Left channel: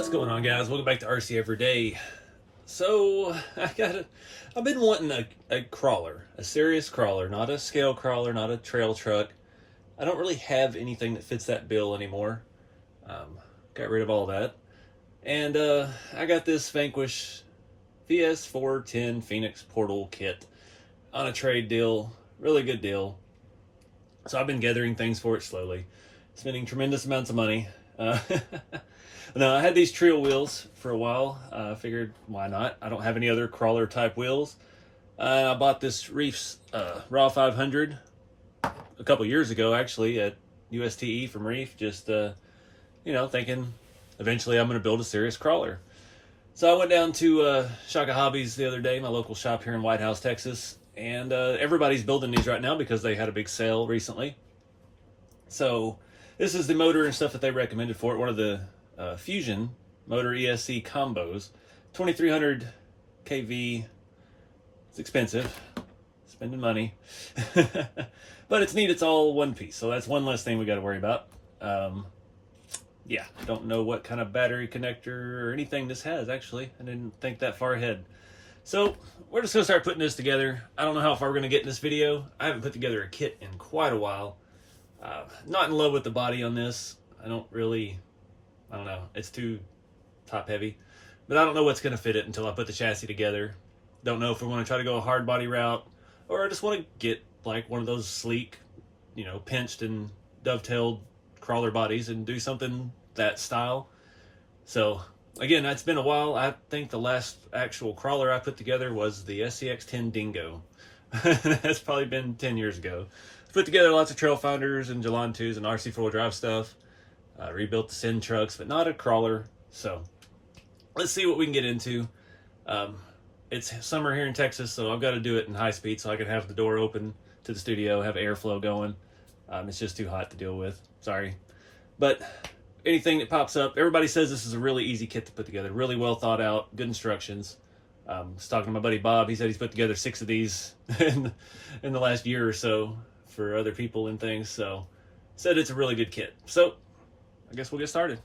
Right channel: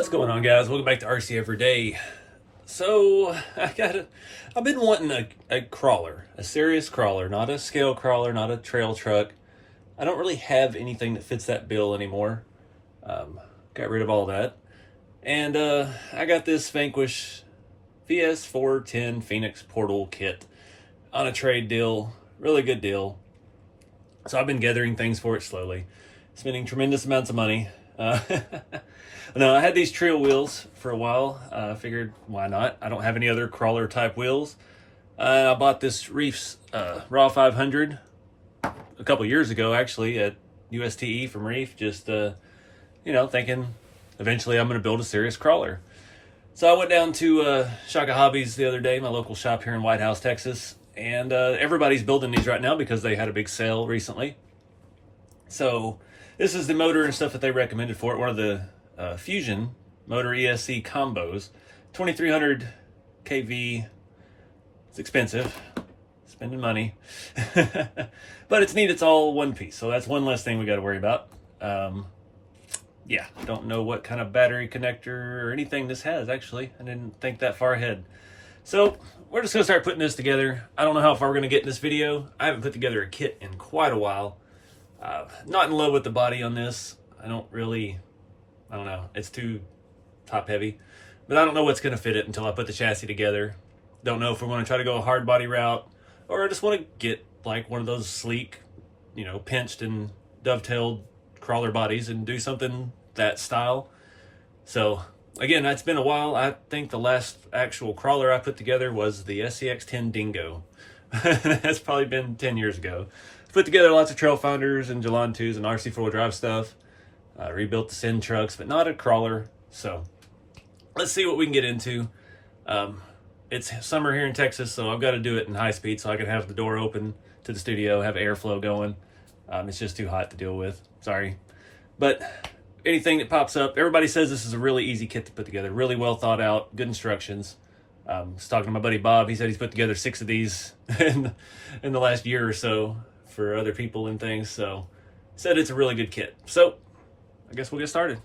What's going on, guys? Welcome back to RC Everyday. So I've been wanting a crawler, a serious crawler, not a scale crawler, not a trail truck. I don't really have anything that fits that bill anymore. Got rid of all that, and I got this Vanquish VS410 Phoenix Portal kit on a trade deal, really good deal. So I've been gathering things for it slowly, spending tremendous amounts of money. No, I had these trail wheels for a while. I figured, why not? I don't have any other crawler type wheels. I bought this Reef's Raw 500 a couple years ago, actually, at USTE from Reef. Just, thinking eventually I'm going to build a serious crawler. So I went down to Shaka Hobbies the other day, my local shop here in White House, Texas. And everybody's building these right now because they had a big sale recently. So this is the motor and stuff that they recommended for it. One of the Fusion motor ESC combos, 2300 kV. It's expensive, spending money, but it's neat. It's all one piece, so that's one less thing we got to worry about. Yeah, don't know what kind of battery connector or anything this has. Actually, I didn't think that far ahead. So we're just gonna start putting this together. I don't know how far we're gonna get in this video. I haven't put together a kit in quite a while. Not in love with the body on this. I don't know, it's too top heavy, but I don't know what's going to fit it until I put the chassis together. Don't know if I want to try to go a hard body route, or I just want to get like one of those sleek, pinched and dovetailed crawler bodies and do something that style. So again, that's been a while. I think the last actual crawler I put together was the SCX-10 Dingo. That's probably been 10 years ago. Put together lots of trail finders and Jalon 2s and RC 4-wheel drive stuff. Rebuilt the Sin trucks, but not a crawler. So let's see what we can get into. It's summer here in Texas, so I've got to do it in high speed so I can have the door open to the studio, have airflow going. It's just too hot to deal with. Sorry. But anything that pops up, everybody says this is a really easy kit to put together. Really well thought out, good instructions. I was talking to my buddy Bob. He said he's put together 6 of these in the last year or so for other people and things. So said it's a really good kit. So I guess we'll get started.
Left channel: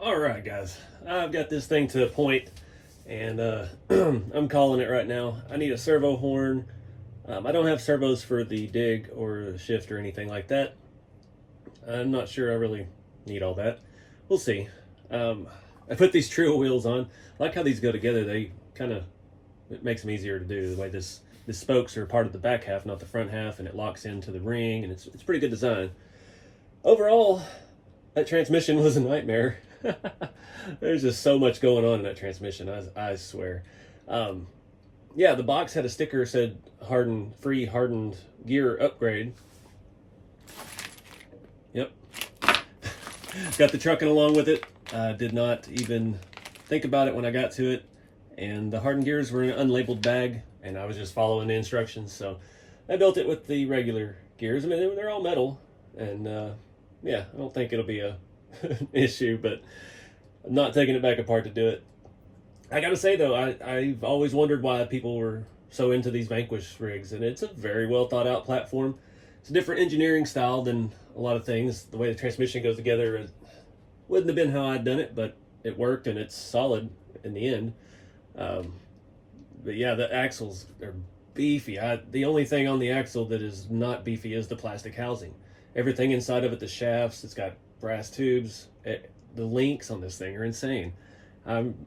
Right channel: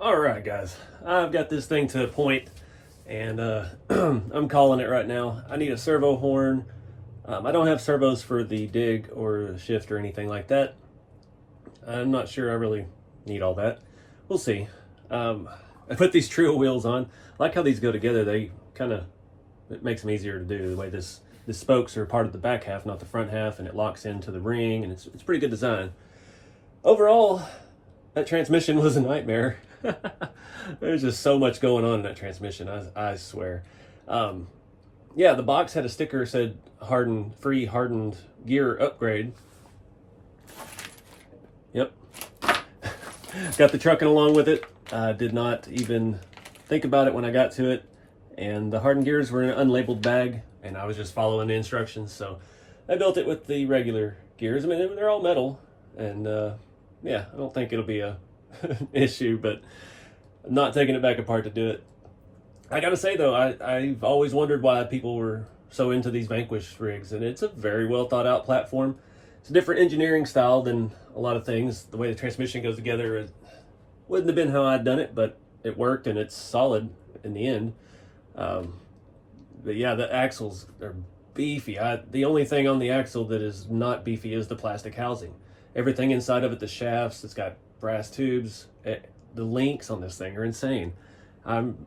Alright guys, I've got this thing to a point, and I'm calling it right now. I need a servo horn. I don't have servos for the dig or the shift or anything like that. I'm not sure I really need all that. We'll see. I put these trio wheels on. I like how these go together. They kind of, it makes them easier to do. The way the spokes are part of the back half, not the front half, and it locks into the ring, and it's pretty good design. Overall, that transmission was a nightmare. There's just so much going on in that transmission, I swear. Yeah, the box had a sticker that said free hardened gear upgrade. Yep. Got the trucking along with it. Did not even think about it when I got to it. And the hardened gears were in an unlabeled bag, and I was just following the instructions. So I built it with the regular gears. I mean, they're all metal, and yeah, I don't think it'll be a an issue, but I'm not taking it back apart to do it. I gotta say though, I've always wondered why people were so into these Vanquish rigs, and it's a very well thought out platform. It's a different engineering style than a lot of things. The way the transmission goes together, it wouldn't have been how I'd done it, but it worked, and it's solid in the end. But yeah, the axles are beefy. The only thing on the axle that is not beefy is the plastic housing. Everything inside of it, the shafts, it's got brass tubes. The links on this thing are insane. I'm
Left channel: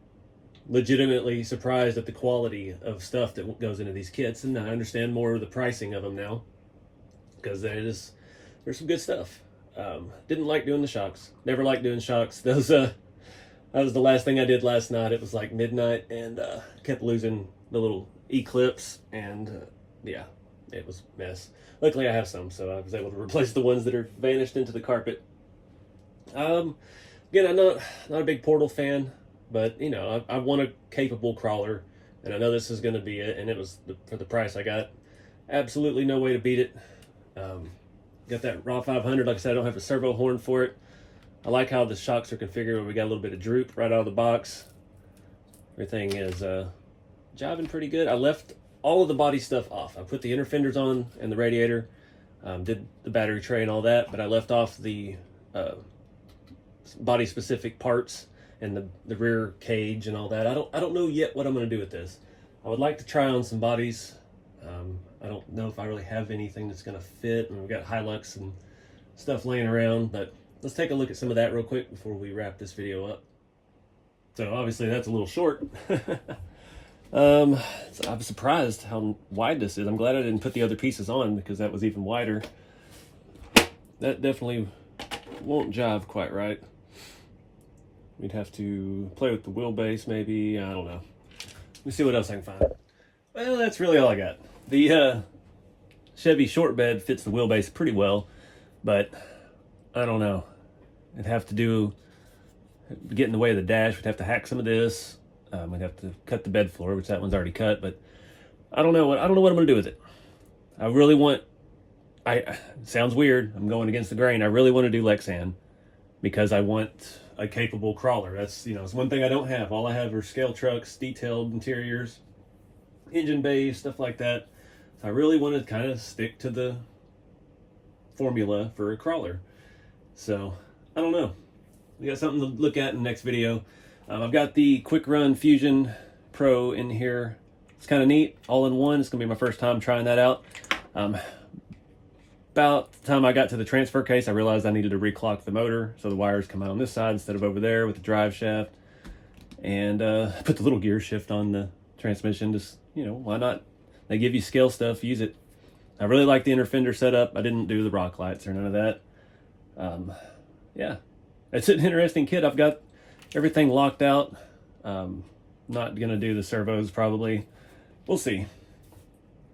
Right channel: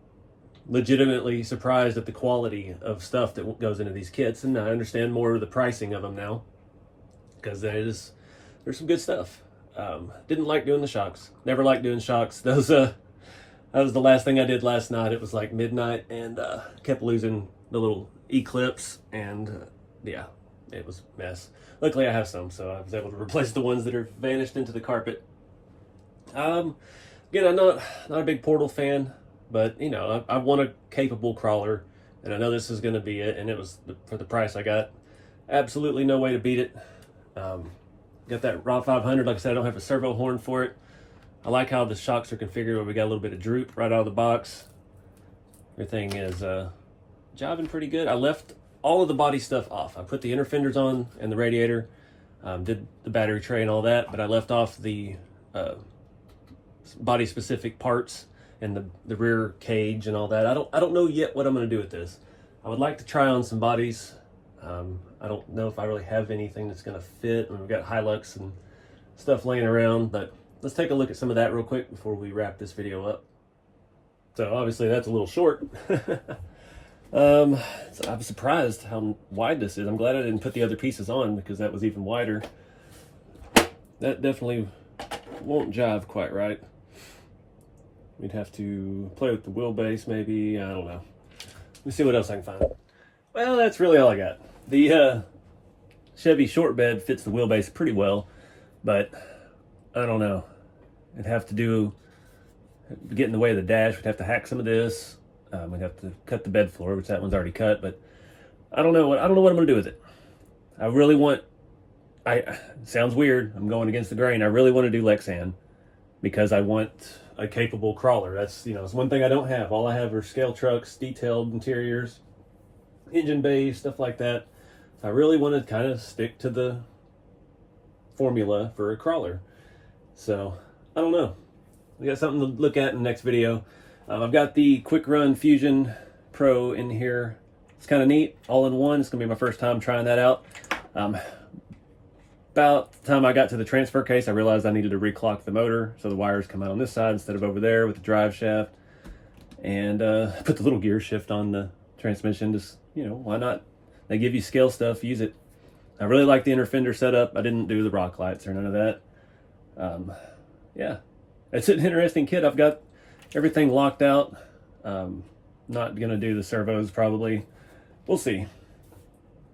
legitimately surprised at the quality of stuff that goes into these kits, and I understand more of the pricing of them now, because there's some good stuff. Didn't like doing the shocks. Never liked doing shocks. Those that was the last thing I did last night. It was like midnight, and kept losing the little eclipse, and yeah, it was a mess. Luckily I have some, so I was able to replace the ones that are vanished into the carpet. Again, I'm not a big Portal fan, but you know, I want a capable crawler, and I know this is going to be it, and it was for the price I got. Absolutely no way to beat it. Got that Raw 500. Like I said, I don't have a servo horn for it. I like how the shocks are configured where we got a little bit of droop right out of the box. Everything is jiving pretty good. I left all of the body stuff off. I put the inner fenders on and the radiator, did the battery tray and all that, but I left off the body specific parts and the rear cage and all that. I don't know yet what I'm going to do with this. I would like to try on some bodies. I don't know if I really have anything that's going to fit. I mean, we've got Hilux and stuff laying around, but let's take a look at some of that real quick before we wrap this video up. So obviously that's a little short. So I'm surprised how wide this is. I'm glad I didn't put the other pieces on, because that was even wider. That definitely won't jive quite right. We'd have to play with the wheelbase maybe. I don't know. Let me see what else I can find. Well, that's really all I got. The Chevy short bed fits the wheelbase pretty well, but I don't know. It'd have to get in the way of the dash. We'd have to hack some of this. We'd have to cut the bed floor, which that one's already cut, but I don't know what I'm going to do with it. I really want, it sounds weird, I'm going against the grain. I really want to do Lexan, because I want a capable crawler. That's, you know, it's one thing I don't have. All I have are scale trucks, detailed interiors, engine bays, stuff like that. I really want to kind of stick to the formula for a crawler. So, I don't know. We got something to look at in the next video. I've got the Quick Run Fusion Pro in here. It's kind of neat, all in one. It's going to be my first time trying that out. About the time I got to the transfer case, I realized I needed to reclock the motor, so the wires come out on this side instead of over there with the drive shaft. And put the little gear shift on the transmission. Just, you know, why not? They give you scale stuff, use it. I really like the inner fender setup. I didn't do the rock lights or none of that. Yeah, it's an interesting kit. I've got everything locked out. Not gonna do the servos probably. We'll see.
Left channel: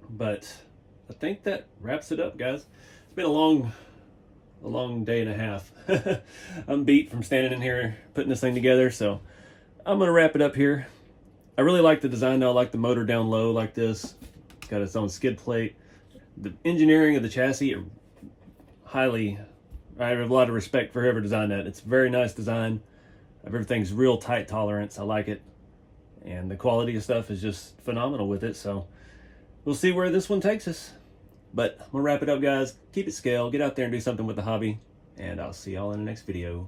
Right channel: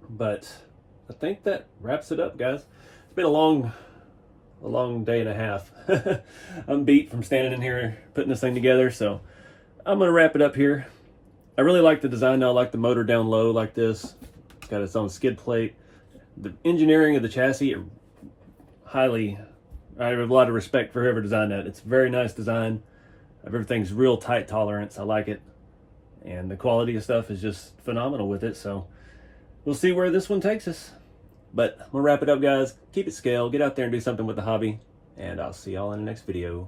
But I think that wraps it up, guys. It's been a long day and a half. I'm beat from standing in here putting this thing together, so I'm gonna wrap it up here. I really like the design now. I like the motor down low like this. It's got its own skid plate. The engineering of the chassis, I have a lot of respect for whoever designed that. It's a very nice design. Everything's real tight tolerance. I like it. And the quality of stuff is just phenomenal with it. So we'll see where this one takes us. But we'll wrap it up, guys. Keep it scale. Get out there and do something with the hobby. And I'll see y'all in the next video.